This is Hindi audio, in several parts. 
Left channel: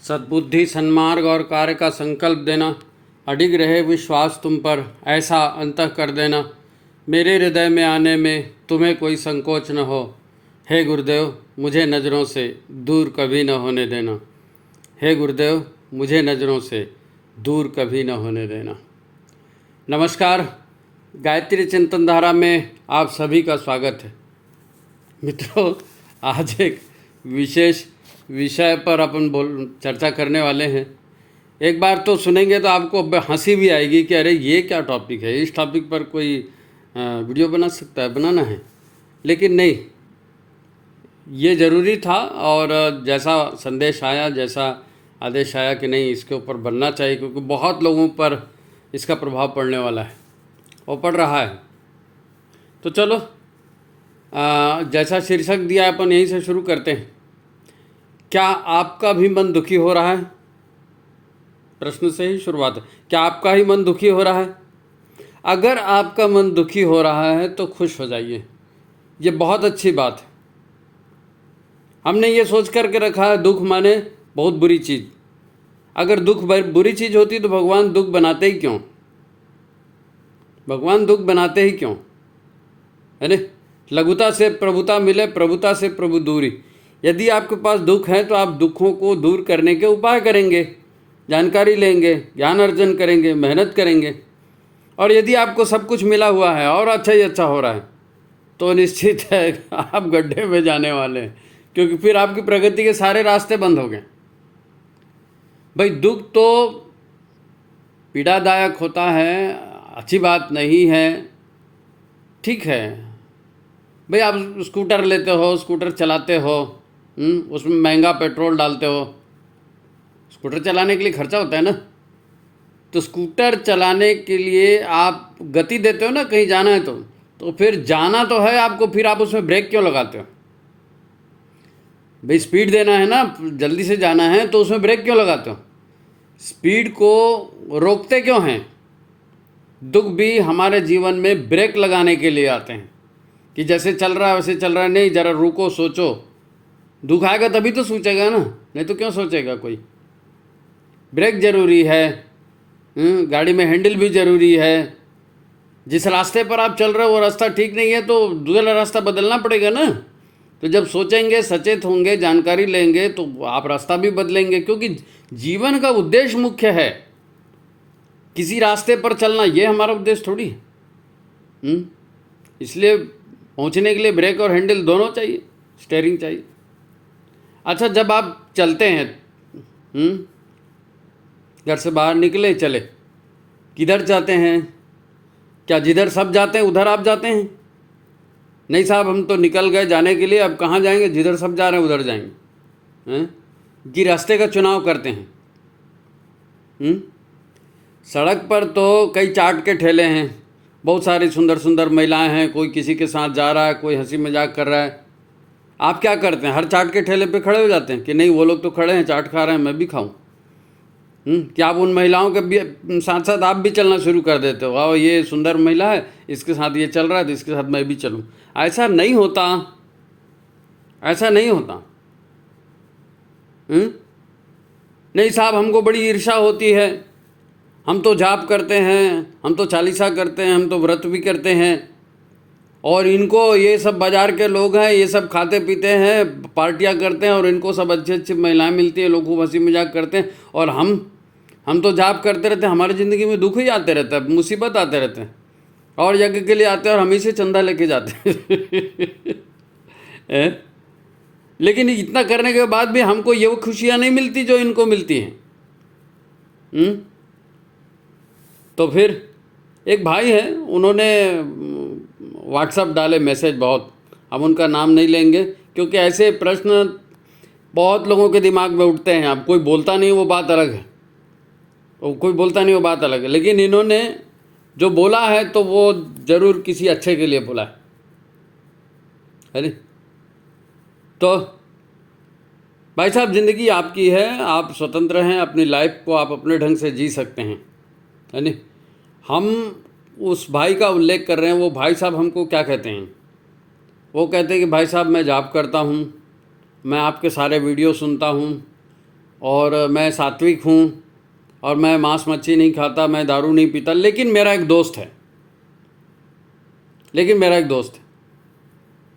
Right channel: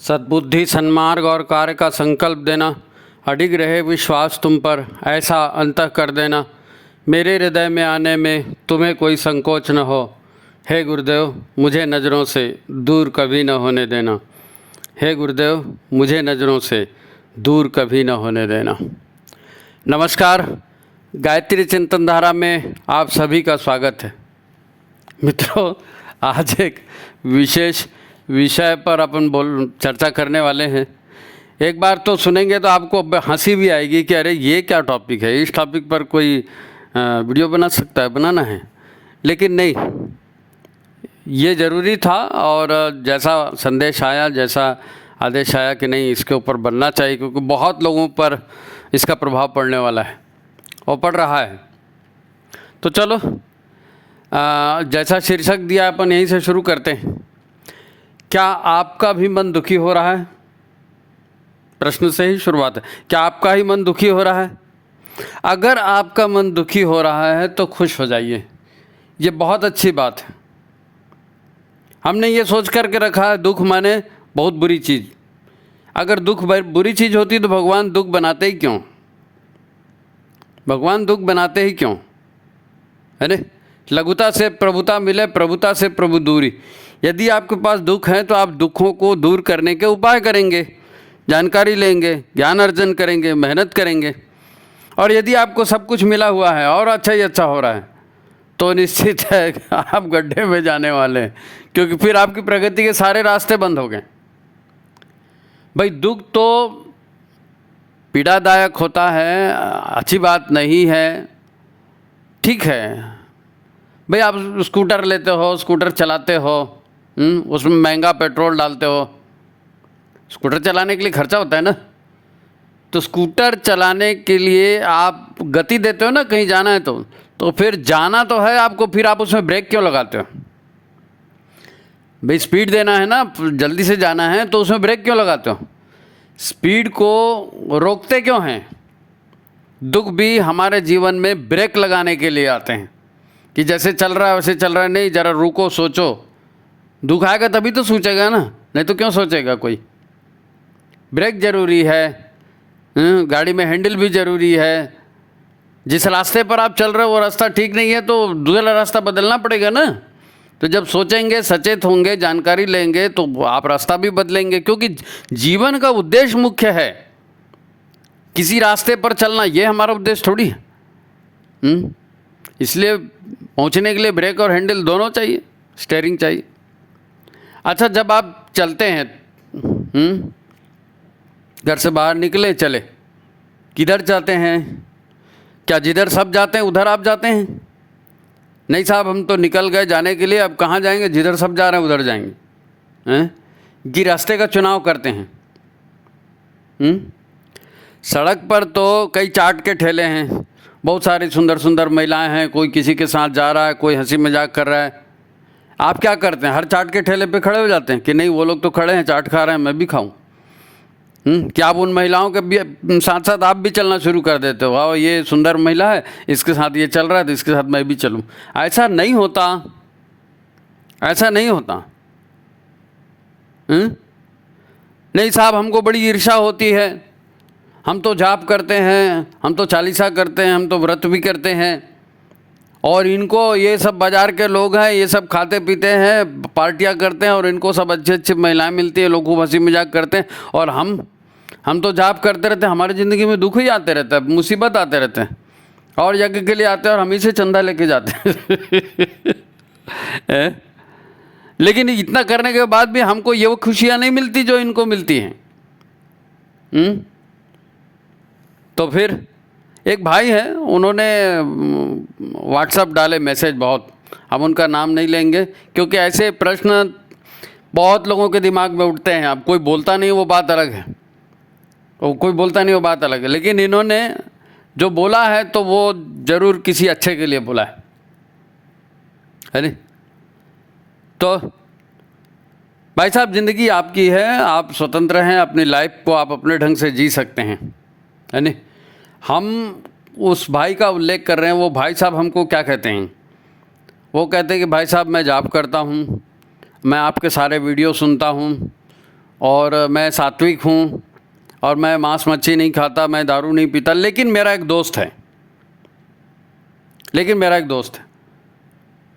सद्बुद्धि, सन्मार्ग और कार्य का संकल्प देना, अडिग रहे विश्वास तुम पर, ऐसा अंतः कर देना, मेरे हृदय में आने में तुम्हें कोई संकोच न हो। हे गुरुदेव, मुझे नज़रों से दूर कभी न होने देना। हे गुरुदेव, मुझे नज़रों से दूर कभी न होने देना। नमस्कार, गायत्री चिंतन धारा में आप सभी का स्वागत है। मित्रों, आज एक विशेष विषय पर अपन चर्चा करने वाले हैं। एक बार तो सुनेंगे तो आपको हंसी भी आएगी कि अरे ये क्या टॉपिक है, इस टॉपिक पर कोई वीडियो बना सकता है, बनाना है। लेकिन नहीं, ये ज़रूरी था और जैसा संदेश आया, जैसा आदेश आया कि नहीं इसके ऊपर बनना चाहिए, क्योंकि बहुत लोगों पर इसका प्रभाव पड़ने वाला है और पड़ रहा है। तो चलो, जैसा शीर्षक दिया अपन यहीं से शुरू करते हैं। क्या आपका भी मन दुखी हो रहा है? प्रश्न से ही शुरुआत है। क्या आपका ही मन दुखी हो रहा है? अगर आपका मन दुखी हो रहा है तो खुश हो जाइए, ये बहुत अच्छी बात है। हमने ये सोच करके रखा है दुख माने बहुत बुरी चीज़। अगर दुख बुरी चीज़ होती तो भगवान दुख बनाते ही क्यों? भगवान दुख बनाते ही क्यों? अरे लघुता से प्रभुता मिले, प्रभुता से प्रभु दूरी। यदि आपके पास दुख है तो आप दुखों को दूर करने के उपाय करेंगे, जानकारी लेंगे, ज्ञान अर्जन करेंगे, मेहनत करेंगे। और यदि आपको सब कुछ मिला हुआ है और अच्छा ही अच्छा हो रहा है तो निश्चित है आप गड्ढे में जाने वाले हैं, क्योंकि फिर आपकी प्रगति के सारे रास्ते बंद हो गए। भाई, दुख तो पीड़ादायक होता है, अच्छी बात नहीं है, ठीक है। भाई, आप स्कूटर लेते हो, स्कूटर चलाते हो, उसमें महंगा पेट्रोल डालते हो। स्कूटर चलाने के लिए खर्चा होता है ना, तो स्कूटर चलाने के लिए आप गति देते हो ना, कहीं जाना है तो फिर जाना तो है आपको, फिर आप उसमें ब्रेक क्यों लगाते हो? भाई, स्पीड देना है ना, जल्दी से जाना है तो उसमें ब्रेक क्यों लगाते हो? स्पीड को रोकते क्यों हैं? दुख भी हमारे जीवन में ब्रेक लगाने के लिए आते हैं कि जैसे चल रहा है वैसे चल रहा है, नहीं ज़रा रुको, सोचो। दुख आएगा तभी तो सोचेगा ना, नहीं तो क्यों सोचेगा कोई? ब्रेक ज़रूरी है, गाड़ी में हैंडल भी ज़रूरी है। जिस रास्ते पर आप चल रहे हो वो रास्ता ठीक नहीं है तो दूसरा रास्ता बदलना पड़ेगा ना। तो जब सोचेंगे, सचेत होंगे, जानकारी लेंगे तो आप रास्ता भी बदलेंगे, क्योंकि जीवन का उद्देश्य मुख्य है। किसी रास्ते पर चलना ये हमारा उद्देश्य थोड़ी है। इसलिए पहुंचने के लिए ब्रेक और हैंडल दोनों चाहिए, स्टीयरिंग चाहिए। अच्छा, जब आप चलते हैं, घर से बाहर निकले, चले, किधर जाते हैं? क्या जिधर सब जाते हैं उधर आप जाते हैं? नहीं साहब, हम तो निकल गए जाने के लिए, अब कहाँ जाएंगे? जिधर सब जा रहे हैं उधर जाएंगे, हैं? कि रास्ते का चुनाव करते हैं। सड़क पर तो कई चाट के ठेले हैं, बहुत सारी सुंदर सुंदर महिलाएं हैं, कोई किसी के साथ जा रहा है, कोई हंसी मजाक कर रहा है। आप क्या करते हैं? हर चाट के ठेले पे खड़े हो जाते हैं कि नहीं वो लोग तो खड़े हैं, चाट खा रहे हैं, मैं भी खाऊं। क्या आप उन महिलाओं के भी साथ साथ आप भी चलना शुरू कर देते हो? आओ, ये सुंदर महिला है, इसके साथ ये चल रहा है तो इसके साथ मैं भी चलूं। ऐसा नहीं होता, ऐसा नहीं होता। नहीं साहब, हमको बड़ी ईर्ष्या होती है, हम तो जाप करते हैं, हम तो चालीसा करते हैं, हम तो व्रत भी करते हैं, और इनको ये सब बाजार के लोग हैं, ये सब खाते पीते हैं, पार्टियां करते हैं, और इनको सब अच्छे अच्छे महिलाएं मिलती हैं, लोग खूब हंसी मजाक करते हैं, और हम तो जाप करते रहते हैं। हमारी ज़िंदगी में दुख ही आते रहता है, मुसीबत आते रहते हैं, और यज्ञ के लिए आते हैं और हम ही से चंदा लेके जाते हैं। लेकिन इतना करने के बाद भी हमको ये वो खुशियाँ नहीं मिलती जो इनको मिलती हैं। तो फिर एक भाई हैं, उन्होंने व्हाट्सएप डाले मैसेज, बहुत, हम उनका नाम नहीं लेंगे क्योंकि ऐसे प्रश्न बहुत लोगों के दिमाग में उठते हैं। अब कोई बोलता नहीं, वो बात अलग है, और कोई बोलता नहीं, वो बात अलग है, लेकिन इन्होंने जो बोला है तो वो ज़रूर किसी अच्छे के लिए बोला है नहीं? तो भाई साहब, ज़िंदगी आपकी है, आप स्वतंत्र हैं, अपनी लाइफ को आप अपने ढंग से जी सकते हैं, है नहीं? हम उस भाई का उल्लेख कर रहे हैं। वो भाई साहब हमको क्या कहते हैं? वो कहते हैं कि भाई साहब, मैं जॉब करता हूँ, मैं आपके सारे वीडियो सुनता हूँ, और मैं सात्विक हूँ और मैं मांस मच्छी नहीं खाता, मैं दारू नहीं पीता, लेकिन मेरा एक दोस्त है,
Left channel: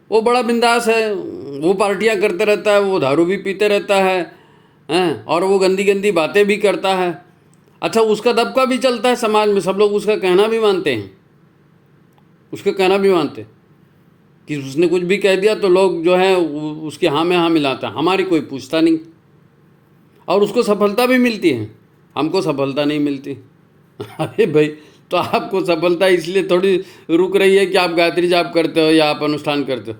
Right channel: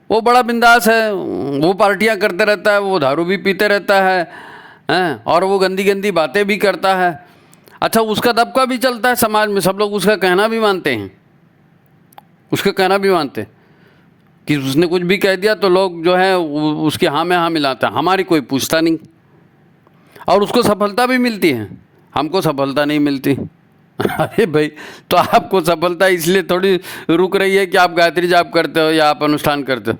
वो बड़ा बिंदास है, वो पार्टियां करते रहता है, वो दारू भी पीते रहता है हैं, और वो गंदी गंदी बातें भी करता है। अच्छा, उसका दबका भी चलता है समाज में, सब लोग उसका कहना भी मानते हैं, कि उसने कुछ भी कह दिया तो लोग जो है उसके हाँ में हाँ मिलाते हैं, हमारी कोई पूछता नहीं, और उसको सफलता भी मिलती है, हमको सफलता नहीं मिलती। अरे भाई, तो आपको सफलता इसलिए थोड़ी रुक रही है कि आप गायत्री जाप करते हो या आप अनुष्ठान करते हो।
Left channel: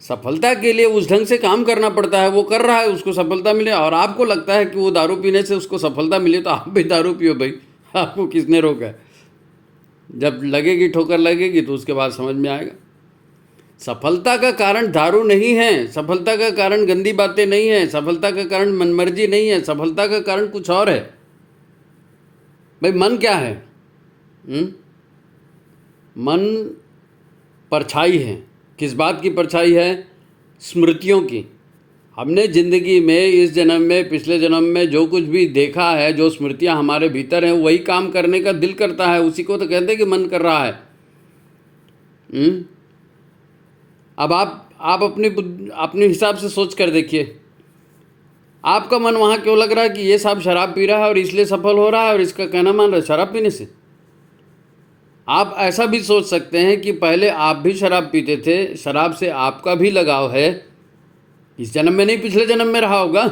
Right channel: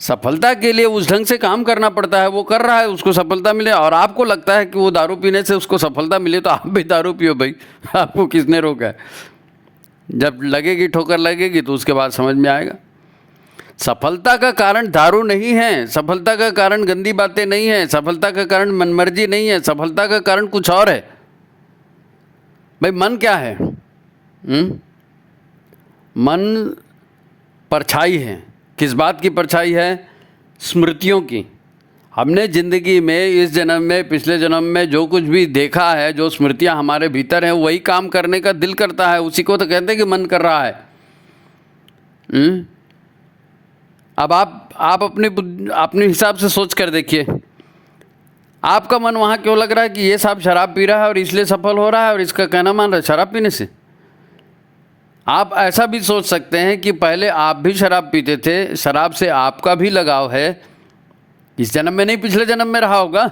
सफलता के लिए उस ढंग से काम करना पड़ता है, वो कर रहा है, उसको सफलता मिले, और आपको लगता है कि वो दारू पीने से उसको सफलता मिले, तो आप भी दारू पियो भाई, आपको किसने रोका है। जब लगेगी ठोकर लगेगी तो उसके बाद समझ में आएगा। सफलता का कारण दारू नहीं है, सफलता का कारण गंदी बातें नहीं है, सफलता का कारण मनमर्जी नहीं है, सफलता का कारण कुछ और है। भाई मन क्या है? मन परछाई है। किस बात की परछाई है? स्मृतियों की। हमने ज़िंदगी में इस जन्म में, पिछले जन्म में जो कुछ भी देखा है, जो स्मृतियां हमारे भीतर हैं, वही काम करने का दिल करता है, उसी को तो कहते हैं कि मन कर रहा है। अब आप अपने हिसाब से सोच कर देखिए, आपका मन वहाँ क्यों लग रहा है कि ये साहब शराब पी रहा है और इसलिए सफल हो रहा है और इसका कहना मान रहा है शराब पीने से। आप ऐसा भी सोच सकते हैं कि पहले आप भी शराब पीते थे, शराब से आपका भी लगाव है, इस जन्म में नहीं पिछले जन्म में रहा होगा,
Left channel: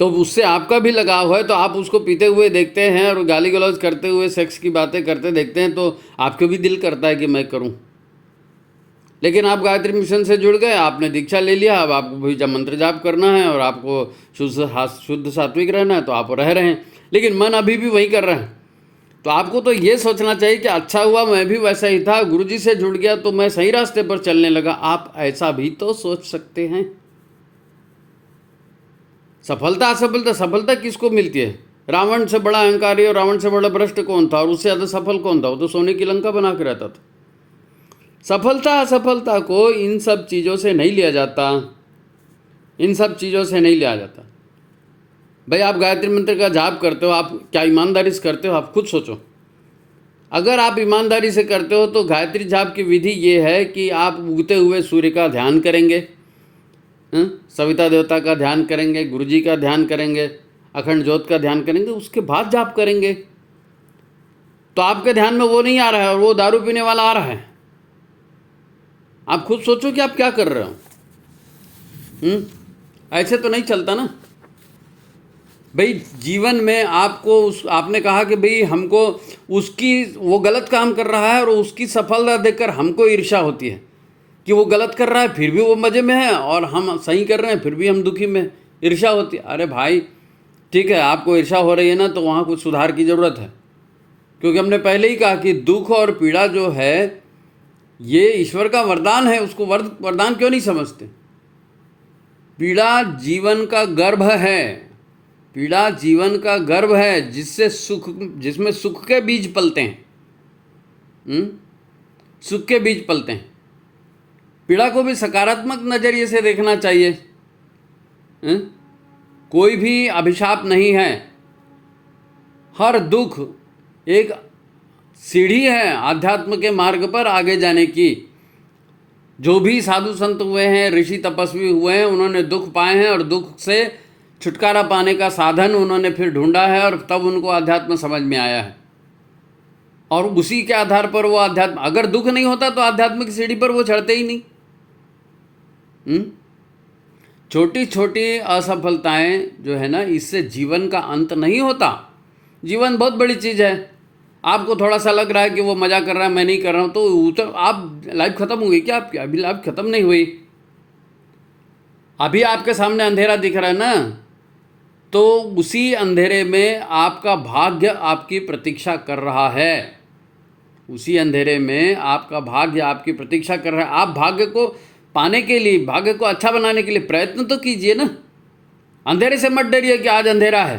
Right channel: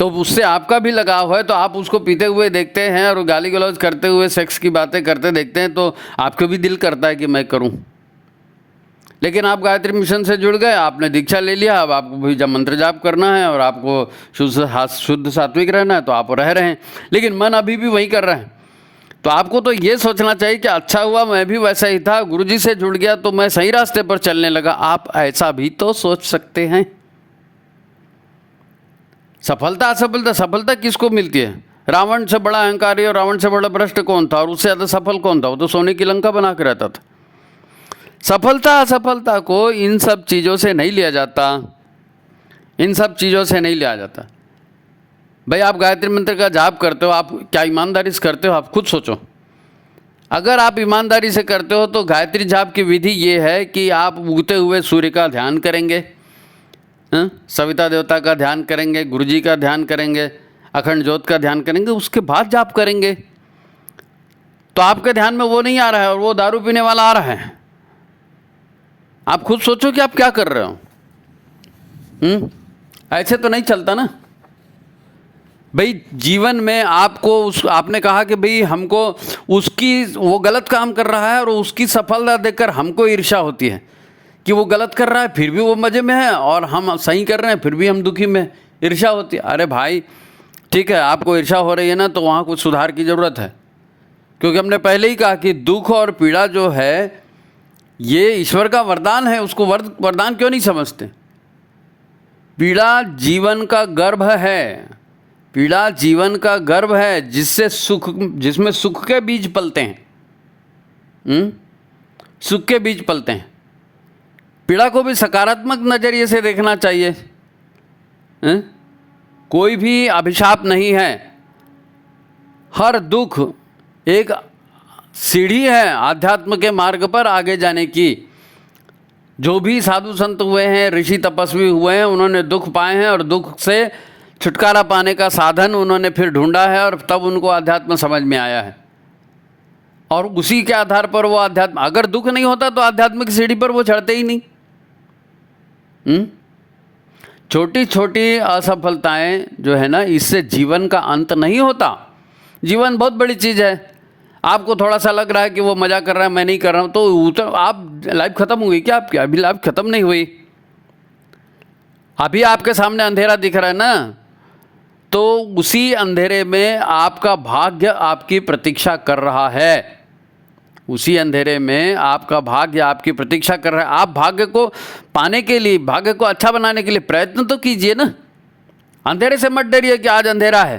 तो उससे आपका भी लगाव है, तो आप उसको पीते हुए देखते हैं और गाली गलौज करते हुए सेक्स की बातें करते देखते हैं, तो आपको भी दिल करता है कि मैं करूं। लेकिन आप गायत्री मिशन से जुड़ गए, आपने दीक्षा ले लिया, अब आपको भी जब मंत्र जाप करना है और आपको शुद्ध सात्विक रहना है तो आप रह रहे हैं, लेकिन मन अभी भी वही कर रहे हैं। तो आपको तो ये सोचना चाहिए कि अच्छा हुआ मैं भी वैसा ही था, गुरुजी से जुड़ गया तो मैं सही रास्ते पर चलने लगा। आप ऐसा भी तो सोच सकते हैं। सफलता असफलता, सफलता किसको मिलती है? रावण से बड़ा अहंकारी और रावण से बड़ा भ्रष्ट कौन था, और उससे ज़्यादा सफल कौन था? वो तो सोने की लंका बना के रहता था। सफलता असफलता को इन सब चीज़ों से नहीं लिया जाता, इन सब चीज़ों से नहीं लिया जाता। भाई, आप गायत्री मंत्र का जाप करते हो, आप क्या ईमानदारी से करते हो? आप खुद सोचो। अगर आप ईमानदारी से करते हो तो गायत्री जाप की विधि ये है कि आप उगते हुए सूर्य का ध्यान करेंगे, सविता देवता का ध्यान करेंगे, गुरुजी का ध्यान करेंगे, अखंड ज्योत का ध्यान करेंगे, उसके बाद जाप करेंगे। तो आपके ध्यान में वो नहीं आ रहा है और वो दारू पीने वाला आ रहा है। आप खुद सोचो कि आप क्या कर रहे हो। ऐसे तो नहीं चलता ना भाई। जीवन में आपको आपने कहा कि भाई हमको वो गलत काम कर रहा है और उसकी सफलता देखकर हमको ईर्ष्या होती है कि वो गलत कर रहा है फिर भी वो मज़े में है, और हम सही कर रहे हैं फिर भी हम दुखी में, ईर्ष्या होती है। अरे भाई ठीक है, आपको ईर्ष्या हो रही है ना, तो वहाँ कुछ सुधार की ज़रूरत है, क्योंकि हमने पहले ही कहा कि दुख और पीड़ा जो है ये ईश्वर का वरदान है, उसको वरदान क्यों नहीं समझते? पीड़ा जीवन का गर्भ है, पीड़ा जीवन का गर्भ है जिसमें सुख के बीज पलते हैं। सुख के बीज पलते हैं। पीड़ा को भी सकारात्मक नजरिए से देखना चाहिए। कोई भी अभिशाप नहीं है, हर दुख एक सीढ़ी है आध्यात्म के मार्ग पर आगे जाने की। जो भी साधु संत हुए हैं, ऋषि तपस्वी हुए हैं, उन्होंने दुख पाए हैं और दुख से छुटकारा पाने का साधन उन्होंने फिर ढूंढा है और तब उनको अध्यात्म समझ में आया है, और उसी के आधार पर वो अध्यात्म, अगर दुख नहीं होता तो आध्यात्मिक सीढ़ी पर वो चढ़ते ही नहीं। छोटी छोटी असफलताएं जो है ना, इससे जीवन का अंत नहीं होता। जीवन बहुत बड़ी चीज़ है। आपको थोड़ा सा लग रहा है कि वो मजा कर रहा है, मैं नहीं कर रहा हूँ, तो आप लाइफ खत्म हुई क्या आपकी? अभी लाइफ खत्म नहीं हुई। अभी आपके सामने अंधेरा दिख रहा है ना, तो उसी अंधेरे में आपका भाग्य आपकी प्रतीक्षा कर रहा है। उसी अंधेरे में आपका भाग्य आपकी प्रतीक्षा कर रहा है। आप भाग्य को पाने के लिए, भाग्य को अच्छा बनाने के लिए प्रयत्न तो कीजिए ना। अंधेरे से मत डरिए कि आज अंधेरा है।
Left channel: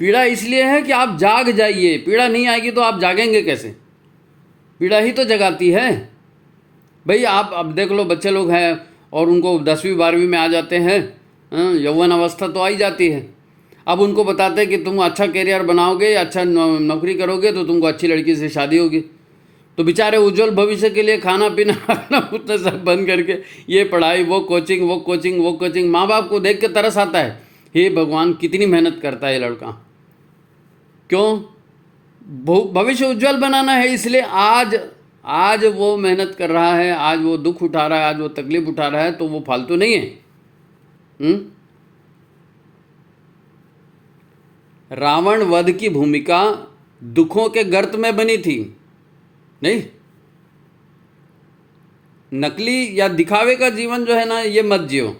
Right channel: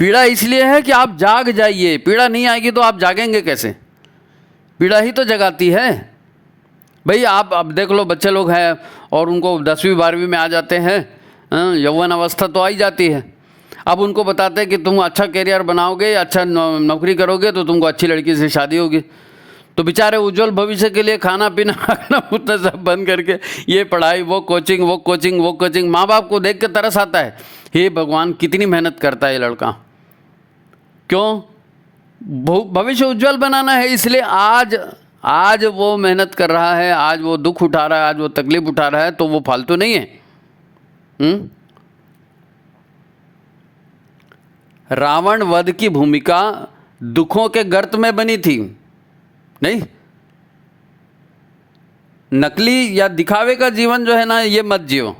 पीड़ा इसलिए है कि आप जाग जाइए। पीड़ा नहीं आएगी तो आप जागेंगे कैसे? पीड़ा ही तो जगाती है भाई। आप अब देख लो, बच्चे लोग हैं और उनको 10वीं 12वीं में आ जाते हैं, यौवन अवस्था तो आई जाती है। अब उनको बताते हैं कि तुम अच्छा करियर बनाओगे, अच्छा नौकरी करोगे तो तुमको अच्छी लड़की से शादी होगी। तो बेचारे उज्जवल भविष्य के लिए खाना पीना उतना सब बंद करके ये पढ़ाई, वो कोचिंग, वो कोचिंग, वो कोचिंग। माँ बाप को देख के तरस आता है, हे भगवान कितनी मेहनत करता है ये लड़का। क्यों? भविष्य उज्जवल बनाना है, इसलिए आज वो मेहनत कर रहा है, आज वो दुख उठा रहा है, आज वो तकलीफ उठा रहा है, तो वो फालतू नहीं है। रावण वध की भूमिका दुखों के गर्त में बनी थी, नहीं? नकली या दिखावे का जीवन जो है ना, ये मत जियो,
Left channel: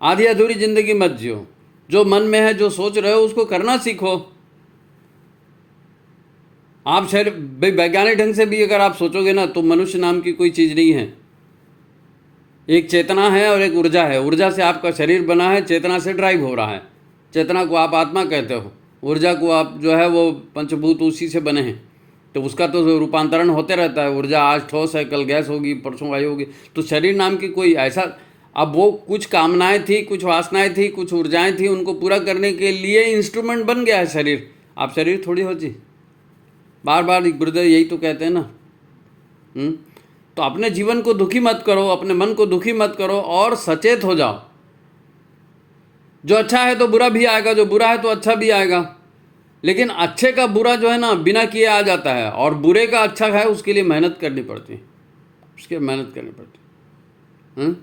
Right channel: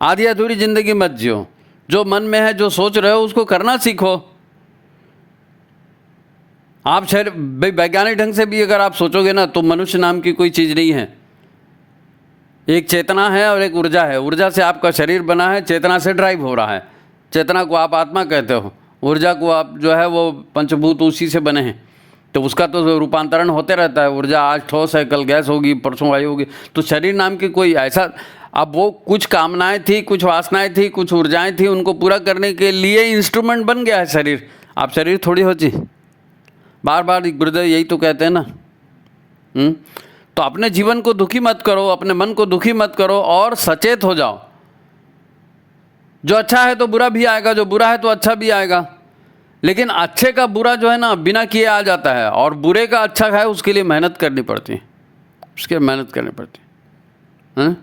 आधी अधूरी जिंदगी मत जियो। जो मन में है, जो सोच रहे हो, उसको करना सीखो। आप शरीर वैज्ञानिक ढंग से भी अगर आप सोचोगे ना, तो मनुष्य नाम की कोई चीज़ नहीं है। एक चेतना है और एक ऊर्जा है। ऊर्जा से आपका शरीर बना है, चेतना से ड्राइव हो रहा है। चेतना को आप आत्मा कहते हो, ऊर्जा को आप जो है वो पंचभूत उसी से बने हैं, तो उसका तो रूपांतरण होते रहता है। ऊर्जा आज ठोस है, कल गैस होगी, परसों वायु होगी। तो शरीर नाम की कोई ऐसा, अब वो कुछ कामनाएं थी, कुछ वासनाएं थी, कुछ ऊर्जाएं थी, उनको पूरा करने के लिए इंस्ट्रूमेंट बन गया है शरीर। आप शरीर थोड़ी हो जी। बार बार गुरुदेव यही तो कहते हैं ना। तो अपने जीवन को दुखी मत करो, अपने मन को दुखी मत करो और सचेत हो जाओ। जो अच्छा है तो बुरा भी आएगा, जो बुरा है तो अच्छा भी आएगा। लेकिन अच्छे का बुरा जो है ना, बिना किए आ जाता है, और बुरे का अच्छा है उसके लिए मेहनत करनी पड़ती है, उसके लिए मेहनत करनी पड़ती है।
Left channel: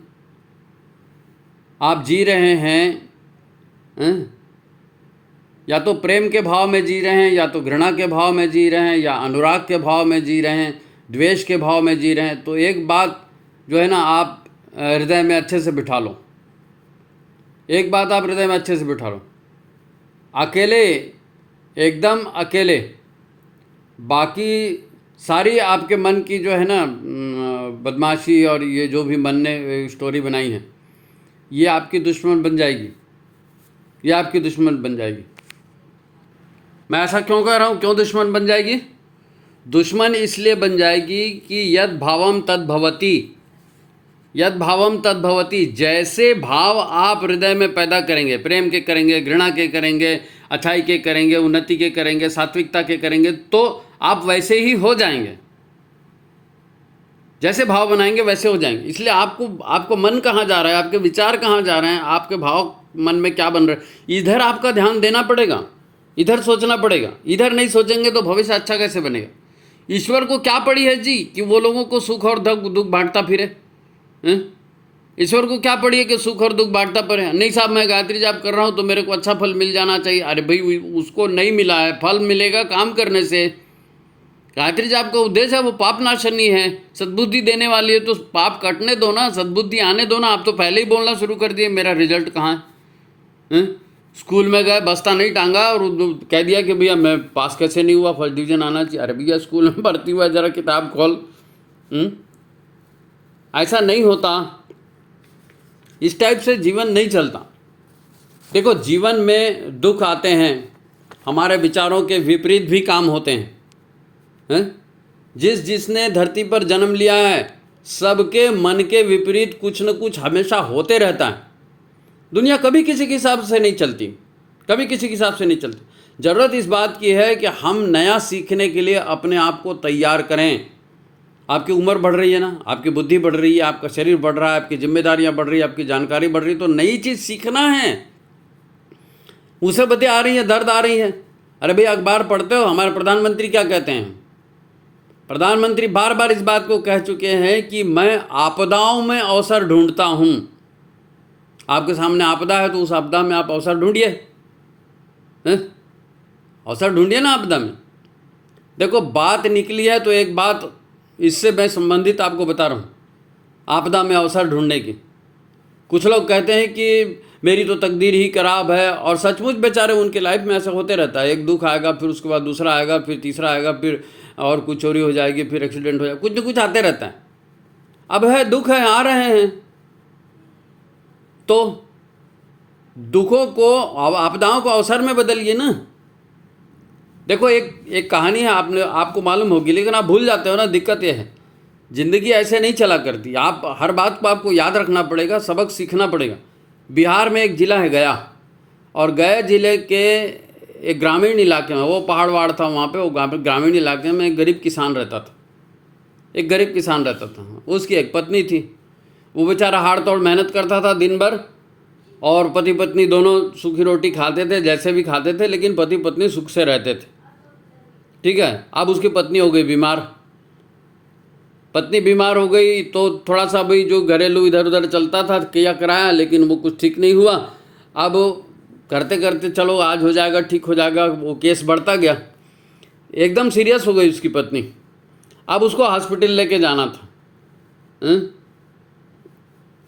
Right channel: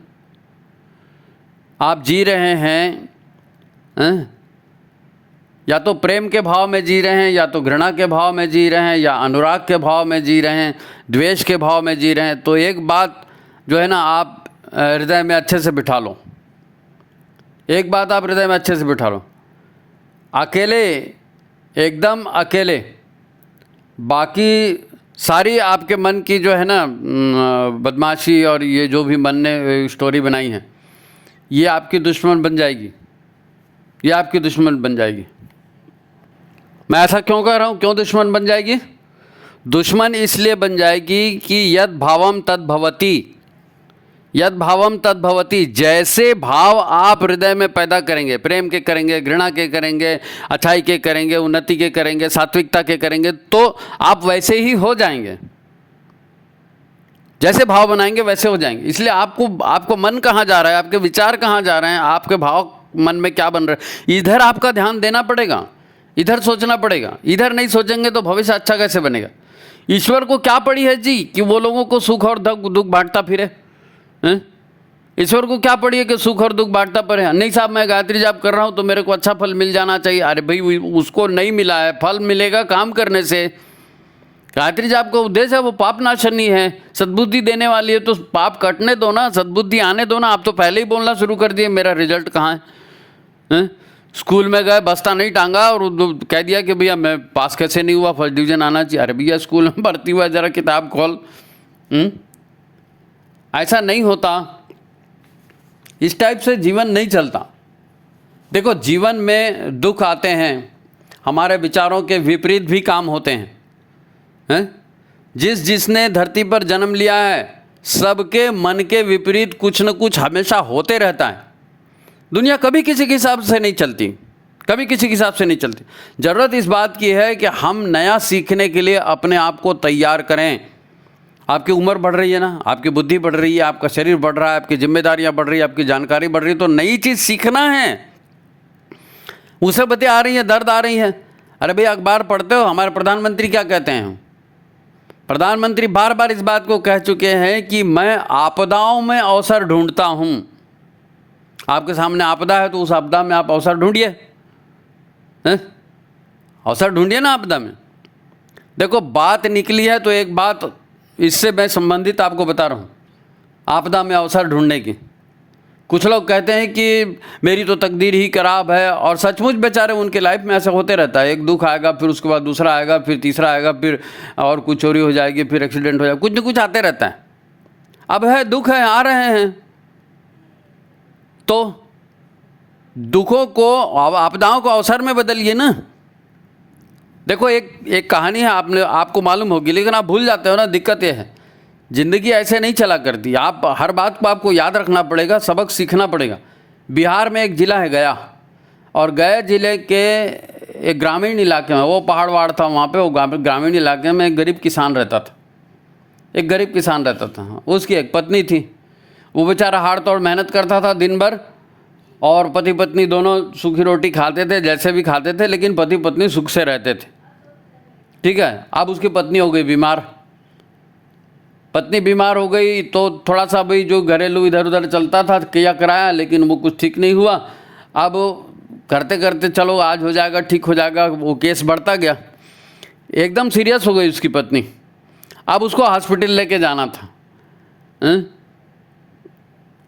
आप जी रहे हैं, या तो प्रेम के भाव में जी रहे हैं, या तो घृणा के भाव में जी रहे हैं, या अनुराग के भाव में जी रहे हैं, द्वेष के भाव में जी रहे हैं, तो एक बात जो है ना आप हृदय में अच्छे से बिठा लो। एक बात आप हृदय में अच्छे से बिठा लो, अकेले, एकदम अकेले, बाकी सारी आपके मन की जो है ना बदमाशी और ये जो भी मन ने स्टोरी बनाई है, ये आपकी दुश्मन बन जाएगी, ये आपकी दुश्मन बन जाएगी। मैं ऐसा क्यों कह रहा हूँ, क्यों दुश्मन बन जाएगी? दुश्मन इसलिए बन जाएगी कि यद भावम तद भवति, यद भावम तद भवति। जैसे भाव आप हृदय में पैदा करेंगे, प्रेम के करेंगे, घृणा के करेंगे, अच्छाई के करेंगे, उन्नति के करेंगे, सात्विकता के करेंगे, तो आप वैसे ही हो जाएंगे। जैसे भाव बनाएंगे वैसे हो जाएंगे। इसलिए आपको मन कहाँ जा रहा है, आपके विचार कहाँ जा रहे हैं, आपके भाव मन में क्या बन रहा है, इधर आपका ध्यान देना पड़ेगा, इधर सोचना पड़ेगा। इधर नहीं सोचेंगे तो भविष्य अच्छा कैसे बनेगा? ईश्वर को क्या पड़ी है जी कि वो लोगों को सुख और दुख बांटता फिरे? ईश्वर को क्या पड़ी है कि सुख और दुख बांटता फिरे? नहीं साहब, मैं गायत्री जाप कर रहा हूँ तो मेरे को अच्छा फल मिल जाना चाहिए। अरे भाई, उसको नहीं मिला है, फल मिलेगा काम करने से। गायत्री जाप का उद्देश्य है वो पाप नाशनी है, सद्बुद्धि देने वाली है, तो पाप कटने दो ना, सद्बुद्धि आने दो ना। आप तो पहले ही बोलना शुरू कर दिए मेरा रिजल्ट कहाँ है। स्कूल में गए, बस्ता नहीं टांगा और कह दिया कि भैया मैं पास कैसे नहीं हुआ, फर्स्ट डिवीजन आना चाहिए। अरे भैया स्कूल में भर्ती हुआ, जरा किताब खोल। ऐसा नहीं होता, इस टाइप से जीवन नहीं चलता। देखो, जीवन में दुख आते हैं, हमारे विचारों के विपरीत भी काम होते हैं। जिसने धरती पर जन्म लिया है, सबके मन के विपरीत कुछ न कुछ हमेशा होते रहता है। दुनिया कभी किसी के हिसाब से नहीं चलती, कभी किसी के हिसाब से नहीं चलती। ज़रूरत इस बात की है कि हम नया सीखने के लिए अपने आप को तैयार करें। आपकी उम्र बढ़ रही है ना, आपकी बुद्धि बढ़ रही है, आपका शरीर बढ़ रहा है, आपकी जिम्मेदारियां बढ़ रही है, आपकी जानकारी बढ़ रही है, तो नई चीज़ सीखना है। मुसीबतें आ रही हैं, दर्द आ रही हैं। अरे भाई, अखबार पढ़ते हो, हमारे प्रधानमंत्री क्या कहते हैं? प्रधानमंत्री बार बार इस बात को कह चुके हैं कि मैं आपदाओं में अवसर ढूंढता हूं। आपके सामने आपदा है तो उस आपदा में आप अवसर ढूंढिए, अवसर ढूंढिए ना आपदा में। देखो, बात निकली है तो एक बात इससे मैं संबंधित आपको बता रहा हूँ, आपदा में अवसर ढूंढने की। कुछ लोग कहते हैं कि मेरी तो तकदीर ही खराब है, और सचमुच बेचारे उनके लाइफ में ऐसा होते रहता है। एक दुख आएगा, फिर उसके बाद दूसरा आएगा, फिर तीसरा आएगा, फिर और कुछ चोरी हो जाएगी, फिर एक्सीडेंट हो जाएगा, कुछ न कुछ आते रहता है। अब है दुख है, आ रहे हैं, तो दुखों को, आपदाओं को अवसर में बदलिए ना। देखो, एक कहानी है, आपको मालूम होगी, लेकिन आप भूल जाते हो ना। दिक्कत ये है ज़िंदगी ऐसे नहीं चला करती। आप हर बात को आपको याद रखना पड़ेगा, सबक सीखना पड़ेगा। बिहार में एक ज़िला है गया, और गया ज़िले के एक ग्रामीण इलाके में, वो पहाड़ वहाड़ था वहाँ पे, वो ग्रामीण इलाके में एक गरीब किसान रहता था। एक गरीब किसान रहता था, उसकी एक पत्नी थी। वो बेचारा हाड़ तोड़ मेहनत करता था दिन भर, और पति पत्नी दोनों सूखी रोटी खाते थे, जैसे भी खाते थे, लेकिन पति पत्नी सुख से रहते थे। ठीक है। अब उसकी पत्नी हो गई बीमार। पत्नी बीमार हो गई तो थोड़ा सा भाई जो घरेलू इधर उधर चलता था किया कराया, लेकिन वो कुछ ठीक नहीं हुआ। अब करते करते चलो आज हो जाएगा, ठीक हो जाएगा, वो केस बढ़ता गया। एकदम सीरियस हो गई उसकी पत्नी। अब उसको हॉस्पिटल लेके जाना था।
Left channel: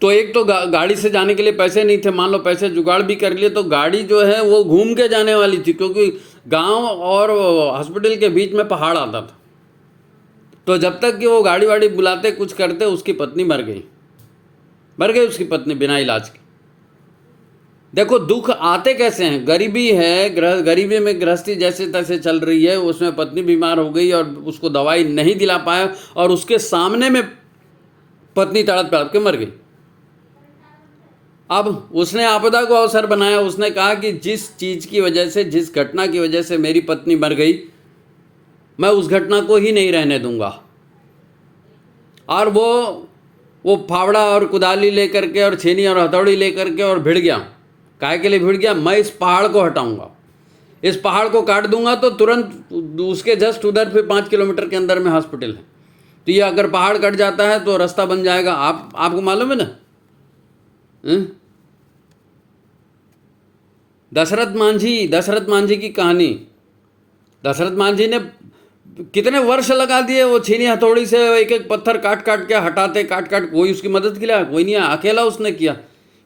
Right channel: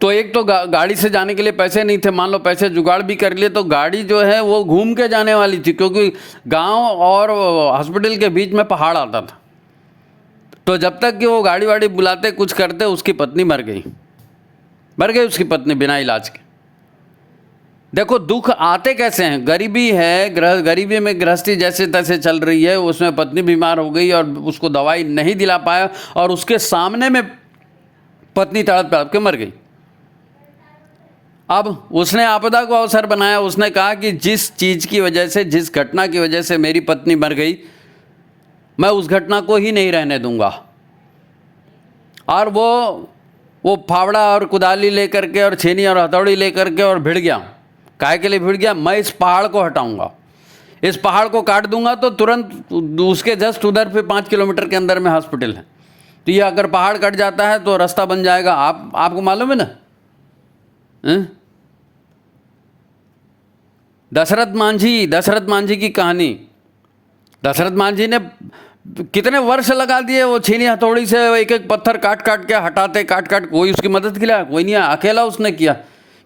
तो एक तो गाड़ी से जाने के लिए पैसे नहीं थे। मान लो पैसे जुगाड़ भी कर लिए तो गाड़ी जो है वो घूम के जाने वाली थी, क्योंकि गांव और हॉस्पिटल के बीच में पहाड़ आता था। तो जब तक कि वो गाड़ी वाड़ी बुलाते कुछ करते, उसकी पत्नी मर गई उसकी पत्नी बिना इलाज के। देखो दुख आते कैसे हैं। गरीबी है, गरीबी में गृहस्थी जैसे तैसे चल रही है, उसमें पत्नी बीमार हो गई और उसको दवाई नहीं दिला पाया, और उसके सामने में पत्नी तड़प तड़प के मर गई। अब उसने आपदा को अवसर बनाया। उसने कहा कि जिस चीज़ की वजह से, जिस घटना की वजह से मेरी पत्नी मर गई, मैं उस घटना को ही नहीं रहने दूंगा। और वो फावड़ा और कुदाली लेकर के और छेनी और हथौड़ी लेकर के और भिड़ गया। काहे के लिए भिड़ गया? मैं इस पहाड़ को हटाऊंगा, इस पहाड़ को काट दूंगा तो तुरंत उसके जस्ट उधर पे 5 किलोमीटर के अंदर में हॉस्पिटल है। तो ये अगर पहाड़ कट जाता है तो रास्ता बन जाएगा। आपको मालूम है ना, दशरथ मांझी की कहानी। दशरथ मांझी ने कितने वर्ष लगा दिए वो छीनी हथौड़ी से एक एक पत्थर काट काट के हटाते, कोई उसकी मदद किया? कोई नहीं, अकेला उसने किया।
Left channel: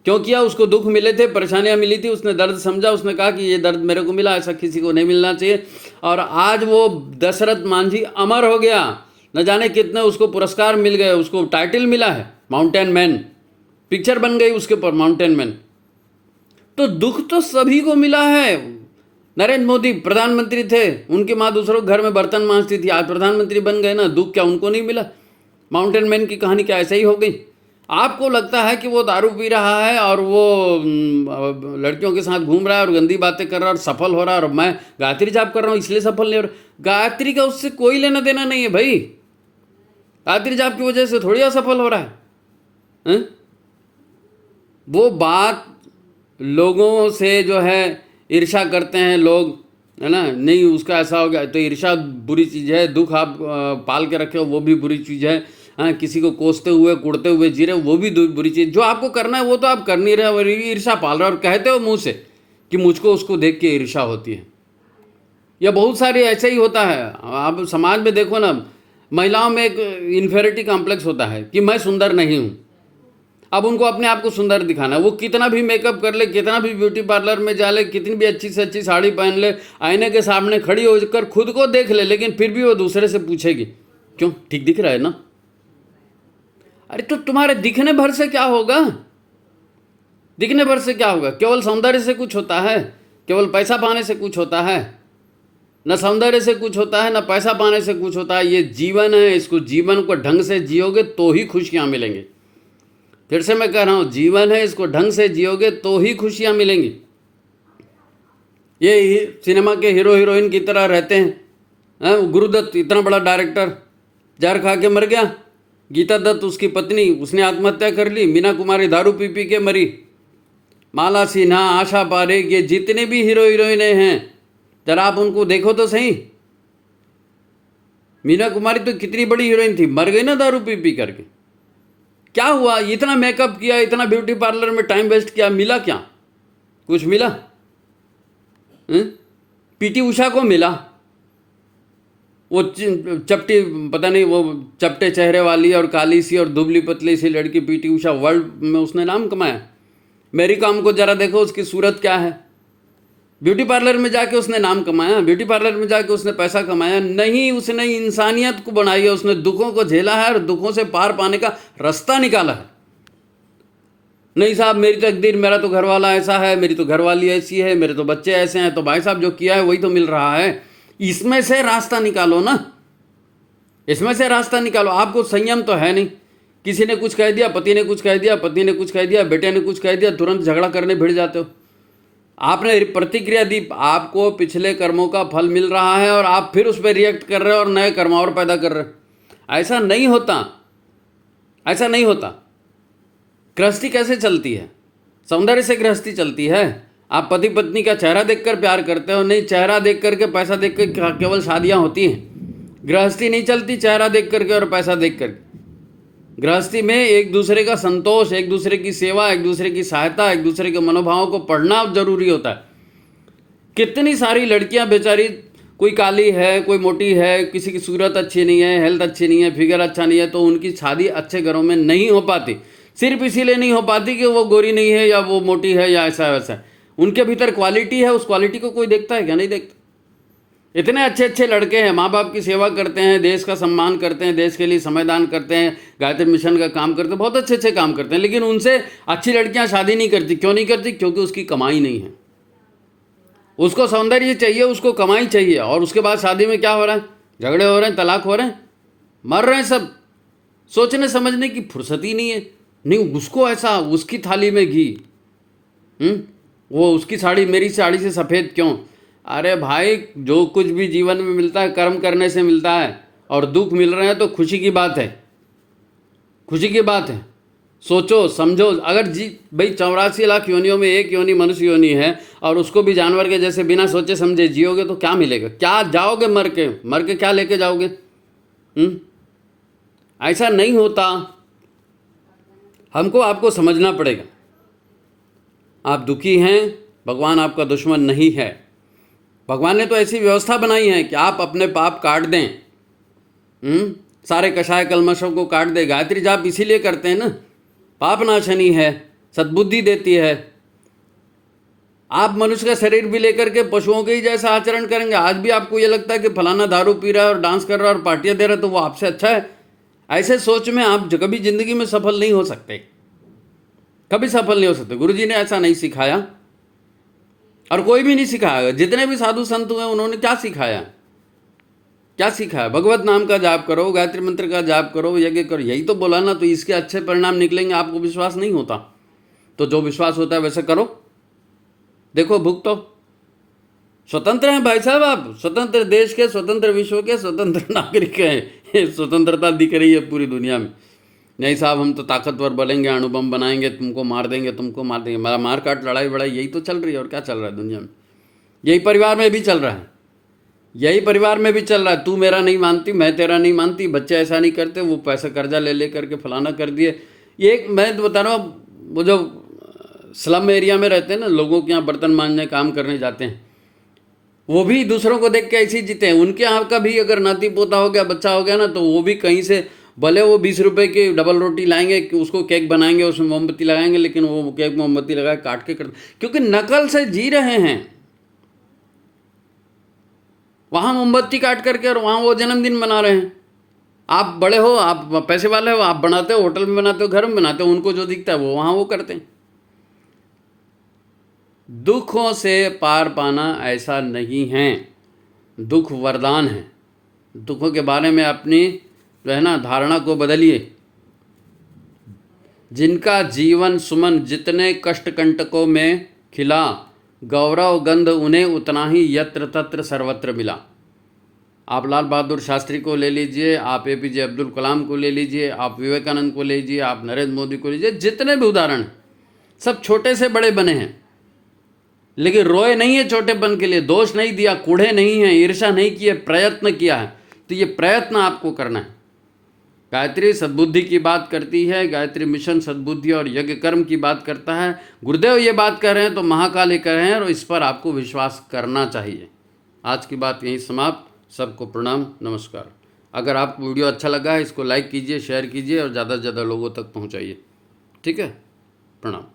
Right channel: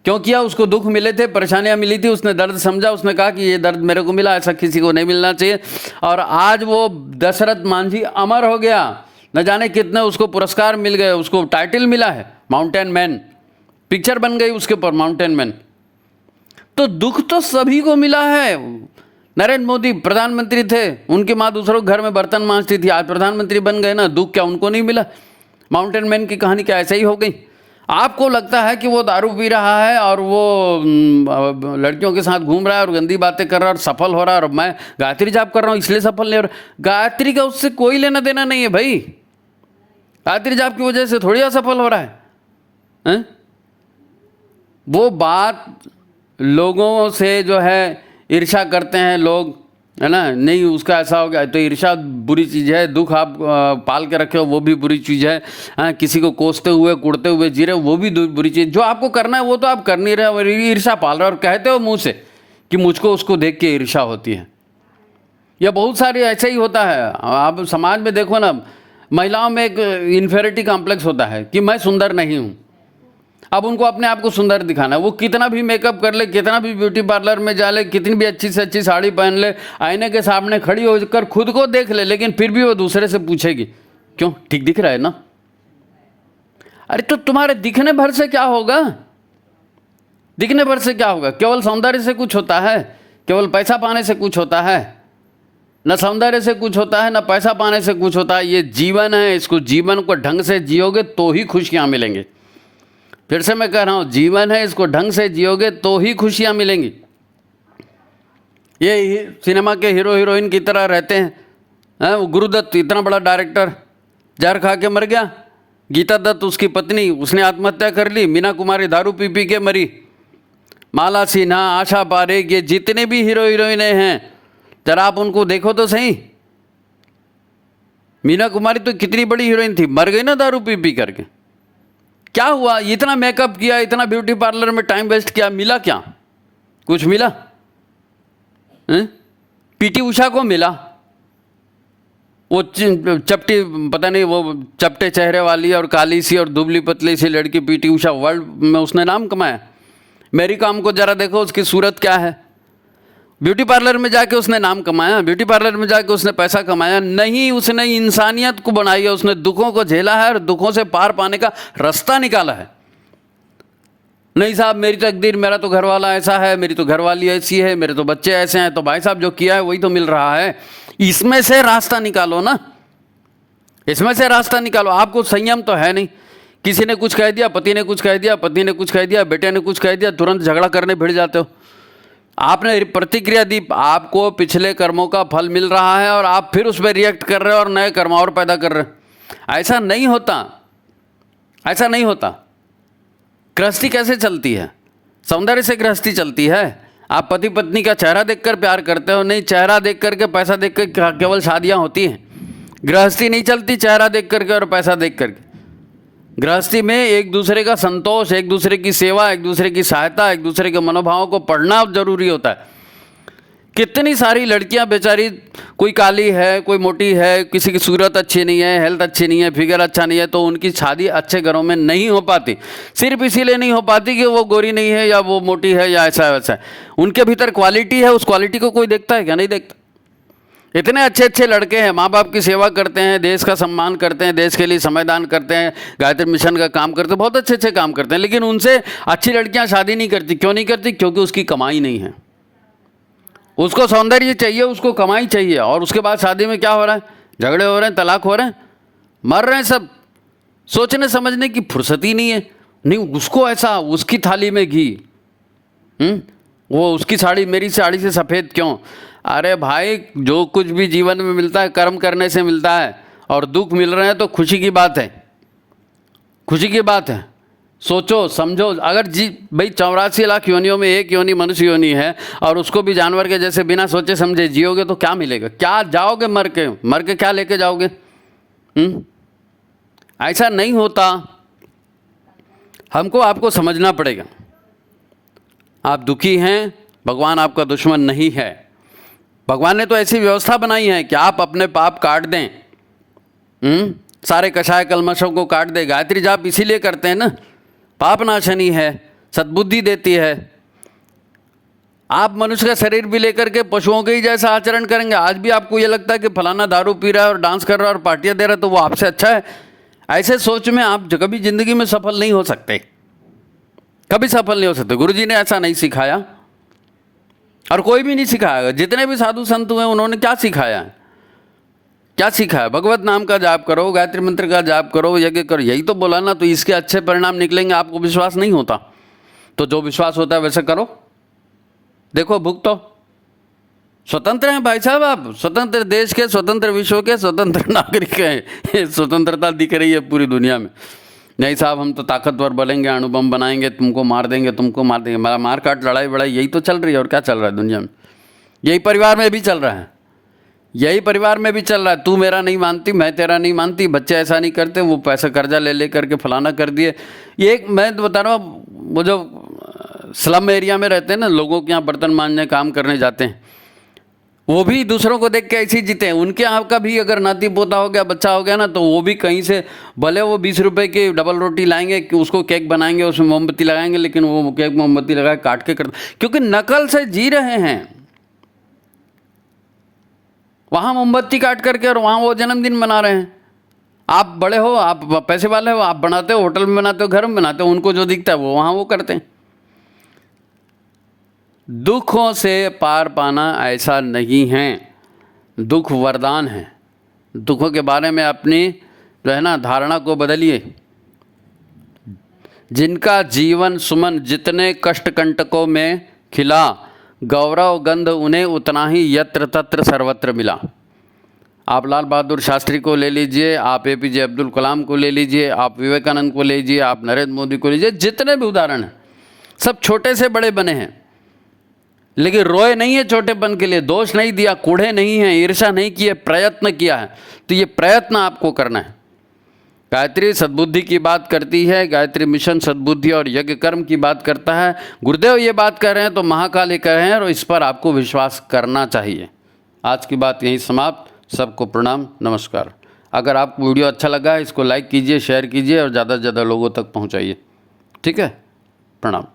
क्यों किया? उसको दुख मिले थे, परेशानियां मिली थी, उसने दर्द समझा, उसने कहा कि ये दर्द मेरे को मिला, ऐसा किसी को नहीं मिलना चाहिए। और आज वो दशरथ मांझी अमर हो गया। न जाने कितने उसको पुरस्कार मिल गए, उसको टाइटल मिला है माउंटेन मैन, पिक्चर बन गई उसके ऊपर माउंटेन मैन। तो दुख तो सभी को मिला है। नरेंद्र मोदी प्रधानमंत्री थे, उनकी माँ दूसरों के घर में बर्तन मांजती थी, आज प्रधानमंत्री बन गए ना, दुख क्या उनको नहीं मिला? माउंटेन मैन की कहानी क्या ऐसे ही हो गई? आपको लगता है कि वो दारू पी रहा है और वो लड़कियों के साथ घूम रहा है और गंदी बातें कर रहा है और सफल हो रहा है, और मैं गायत्री जाप कर रहा हूँ इसलिए सफल नहीं हो रहा। गायत्री का उससे कोई लेना देना नहीं है भाई। गायत्री जाप की वजह से थोड़ी असफल हो रहा है? वो बात लोगों से जो है ईर्ष्या करते हैं लोग, है ना, नहीं उसका ऐसा हो गया, तो ईर्ष्या बुरी चीज़ है। दुख आप पाल के रखे हो वो भी बुरी चीज़ है। हाँ, किसी को कोसते हुए कुड़ते हुए जी रहे हो वो भी बुरी चीज़। जो आपको करना है वो तो आप कर नहीं रहे हो, ईर्ष्या पाल रहे हो और कहते हो मुंह से कि मुझको उसको देख के ईर्ष्या होती है। यह बहुत सारी ऐसे ही होता है। आप समाज में देखो ना, महिलाओं में एक इन्फेरिटी कॉम्प्लेक्स होता है कि मैं सुंदर नहीं हूँ। अब उनको अपने आप को सुंदर दिखाना है। वो कितना भी मेकअप कर ले, कितना भी ब्यूटी पार्लर में जा ले, कितनी भी अच्छी से अच्छी साड़ी पहन ले, आईने के सामने खड़ी होकर खुद को देख ले, लेकिन फिर भी वो दूसरे से पूछेगी क्यों, ठीक दिख रहा है ना? अरे तो तुम्हारे दिखने भर से क्या होगा? दिखने भर से क्या होगा? केवल सौंदर्य से कुछ होता है? केवल पैसा पाने से कुछ होता है? न सौंदर्य से कुछ होता है, न पैसा पाने से कुछ होता है। ये जीवन है, इसको जीवन को ढंग से जियोगे तो ही खुशियाँ मिलेंगी। फिर से मैं कह रहा हूँ, जीवन है, इसको ढंग से जियोगे तो ही खुशियाँ मिलेंगी। ये सिनेमा के हीरो हीरोइन की तरह रहते हैं। गुरुदत्त इतना बड़ा डायरेक्टर जहर खा के मर गया। गीता दत्त उसकी पत्नी, उसने आत्महत्या कर ली। मीना कुमारी दारू पी पी के मरी। माला सिन्हा, आशा पारेख, ये जितने भी हीरो हीरोइनें हैं, जरा आप उनको देखो तो सही। मीना कुमारी तो कितनी बड़ी हीरोइन थी, मर गई ना दारू पी पी करके। क्या हुआ? इतना मेकअप किया, इतना ब्यूटी पार्लर में टाइम वेस्ट किया, मिला क्या? कुछ मिला? पीटी उषा को मिला, वो चपटी, पता नहीं, वो चपटे चेहरे वाली और काली सी और दुबली पतली सी लड़की पीटी उषा, वर्ल्ड में उसने नाम कमाया। मेरी काम को जरा देखो, उसकी सूरत क्या है। ब्यूटी पार्लर में जाके उसने नाम कमाया, ब्यूटी पार्लर में जाके उसने पैसा कमाया नहीं, उसने इंसानियत को बनाई है, उसने दुखों को झेला है और दुखों से पार पाने का रास्ता निकाला है। नहीं साहब मेरी तकदीर, मेरा तो घर वाला ऐसा है, मेरी तो घरवाली ऐसी है, मेरे तो बच्चे ऐसे हैं, तो भाई साहब जो किया है वही तो मिल रहा है। इसमें से रास्ता निकालो ना। इसमें से रास्ता निकालो। आपको संयम तो है नहीं, किसी ने कुछ कह दिया, पति ने कुछ कह दिया, पति ने कुछ कह दिया, बेटे ने कुछ कह दिया, तुरंत झगड़ा करने भिड़ जाते हो। आपने प्रतिक्रिया दी, आपको पिछले कर्मों का फल मिल रहा है और आप फिर उस पर रिएक्ट कर रहे हो और नए कर्म और पैदा कर रहे हो। ऐसा नहीं होता, ऐसा नहीं होता। गृहस्थी कैसे चलती है? सौंदर्य से गृहस्थी चलती है। आप पति पत्नी का चेहरा देखकर प्यार करते हो? नहीं, चेहरा देख करके, पैसा देख कर केवल शादियां होती हैं। गृहस्थी नहीं चलती चेहरा देख करके और पैसा देख करके। गृहस्थी में एक दूसरे का संतोष, एक दूसरे की सेवा, एक दूसरे की सहायता, एक दूसरे के मनोभावों को पढ़ना जरूरी होता है। कितनी सारी लड़कियां बेचारी, कोई काली है, कोई मोटी है, किसी की सूरत अच्छी नहीं है, हेल्थ अच्छी नहीं है, फिगर अच्छा नहीं है, तो उनकी शादी अच्छे घरों में नहीं हो पाती। सिर्फ इसीलिए नहीं हो पाती कि वो गोरी नहीं है या वो मोटी है या ऐसा वैसा है। उनके भीतर क्वालिटी है, उस क्वालिटी को कोई देखता है क्या? नहीं देखता। इतने अच्छे अच्छे लड़के हैं, माँ बाप की सेवा करते हैं, देश का सम्मान करते हैं, देश के लिए समयदान करते हैं, गायत्री मिशन का काम करते हैं, बहुत अच्छे अच्छे काम करते हैं, लेकिन उनसे अच्छी लड़कियां शादी नहीं करती। क्यों नहीं करती? क्योंकि उसकी कमाई नहीं है। उसको सौंदर्य चाहिए, उसको कमाई चाहिए, और उसके बाद शादी में क्या हो रहा है? झगड़े हो रहे हैं, तलाक हो रहे हैं, मर रहे हैं सब। सोचने समझने की फुर्सत ही नहीं है। नहीं, उसको ऐसा, उसकी थाली में घी, वो उसकी साड़ी मेरी साड़ी से सफ़ेद क्यों? अरे भाई, जो कुछ भी जीवन में मिलता है कर्म करने से मिलता है, और दुख मिल रहे हैं तो खुशी की बात है, खुशी की बात है। सोचो समझो, अगर भाई 84 लाख योनियों में एक योनि मनुष्य योनि है, और उसको भी जानवर के जैसे बिना सोचे समझे जियोगे तो क्या मिलेगा? क्या जाओगे मर के क्या लेके जाओगे? ऐसा नहीं होता। हमको आपको समझना पड़ेगा। आप दुखी हैं, भगवान आपका दुश्मन नहीं है। भगवान ने तो ऐसी व्यवस्था बनाई है कि आप अपने पाप काट दें, सारे कषाय कलमशों को काट दे। गायत्री जाप इसीलिए करते हैं ना, पाप नाशनी है, सद्बुद्धि देती है। आप मनुष्य का शरीर भी लेकर के पशुओं के ही जैसा आचरण करेंगे। आज भी आपको ये लगता है कि फलाना दारू पी रहा है और डांस कर रहा है और पार्टियां दे रहा है तो वो आपसे अच्छा है, ऐसे सोच में आप कभी जिंदगी में सफल नहीं हो सकते, कभी सफल नहीं हो सकते। गुरुजी ने ऐसा नहीं सिखाया और कोई भी नहीं सिखाया। जितने भी साधु संत हुए उन्होंने क्या सिखाया? क्या सिखाया? भगवत नाम का जाप करो, गायत्री मंत्र का जाप करो, यज्ञ करो, यही तो बोला ना। तो इसके अच्छे परिणाम निकलेंगे। आपको विश्वास नहीं होता तो जो विश्वास होता है वैसे करो, देखो भुगतो। स्वतंत्र हैं भाई साहब आप, स्वतंत्र देश के, स्वतंत्र विश्व के स्वतंत्र नागरिक हैं। स्वतंत्रता दिख रही है पूरी दुनिया में। नहीं साहब, हम तो ताकतवर बनेंगे, अणुबम बनाएंगे, तुमको मार देंगे, तुमको मार देंगे। मार काट, लड़ाई बड़ाई, यही तो चल रही है। और क्या चल रहा है दुनिया में? यही परिवार में भी चल रहा है, यही परिवार में भी चल रहा है। तू मेरा नहीं मानती, मैं तेरा नहीं मानती, बच्चे ऐसा नहीं करते, वो पैसा कर्जा ले करके फलाना कर दिए। ये एक मैं तो बता रहा हूँ, वो जो स्लम एरिया में रहते हैं ना, लोगों के यहाँ बर्तन मांजने काम करने जाते हैं, वो भी दूसरों को देख के ऐसे ही जीते हैं। उनके यहाँ का भी अगर नाती पोता हो गया, बच्चा हो गया ना, तो वो भी कहीं से भले वो 20 रुपए की डबल रोटी लाएंगे, कि उसको केक बनाएंगे, उसमें मोमबत्ती लगाएंगे, लेकिन वो केक मोमबत्ती लगा काट के करते, क्योंकि नकल से जी रहे हैं। वहाँ मोमबत्ती काट करके और वहाँ वो जन्मदिन मना रहे हैं। आप बड़े हो, आप पैसे वाले हो, आप बनाते हो, होटल में बनाते हो, घर में बनाते हो, उनको जो दिखता है वो वहाँ वो करते हैं। दुखों से पार पाना ऐसा नहीं है, दुख वरदान है। दुखों के बारे में अपनी जो है ना धारणा को बदलिए। जिनका जीवन सुमन जितने कष्ट कंटकों में खिला, गौरव गंध उन्हें उतना ही यत्र तत्र सर्वत्र मिला। आप लाल बहादुर शास्त्री को ले लीजिए, आप APJ अब्दुल कलाम को ले लीजिए, आप विवेकानंद को ले लीजिए, आप नरेंद्र मोदी को लीजिए, जितने भी उदाहरण हैं सब छोटे से बड़े बने हैं, लेकिन रोए नहीं है छोटेपन के लिए, दोष नहीं दिया, कूढ़े नहीं है, ईर्ष्या नहीं किए, प्रयत्न किया है। तो ये प्रयत्न आपको करना है। गायत्री सद्बुद्धि की बात करती है, गायत्री मिशन सद्बुद्धि और यज्ञ कर्म की बात करता है। गुरुदेव ये बात कर रहे हैं तो महाकाली कह रहे हैं, और इस पर आपको विश्वास करना चाहिए। आज की बात यहीं समाप्त। सबको प्रणाम, नमस्कार। अगर आपको वीडियो अच्छा लगा है, इसको लाइक कीजिए, शेयर कीजिए और ज़्यादा से ज़्यादा लोगों तक पहुँचाइए। ठीक है, प्रणाम।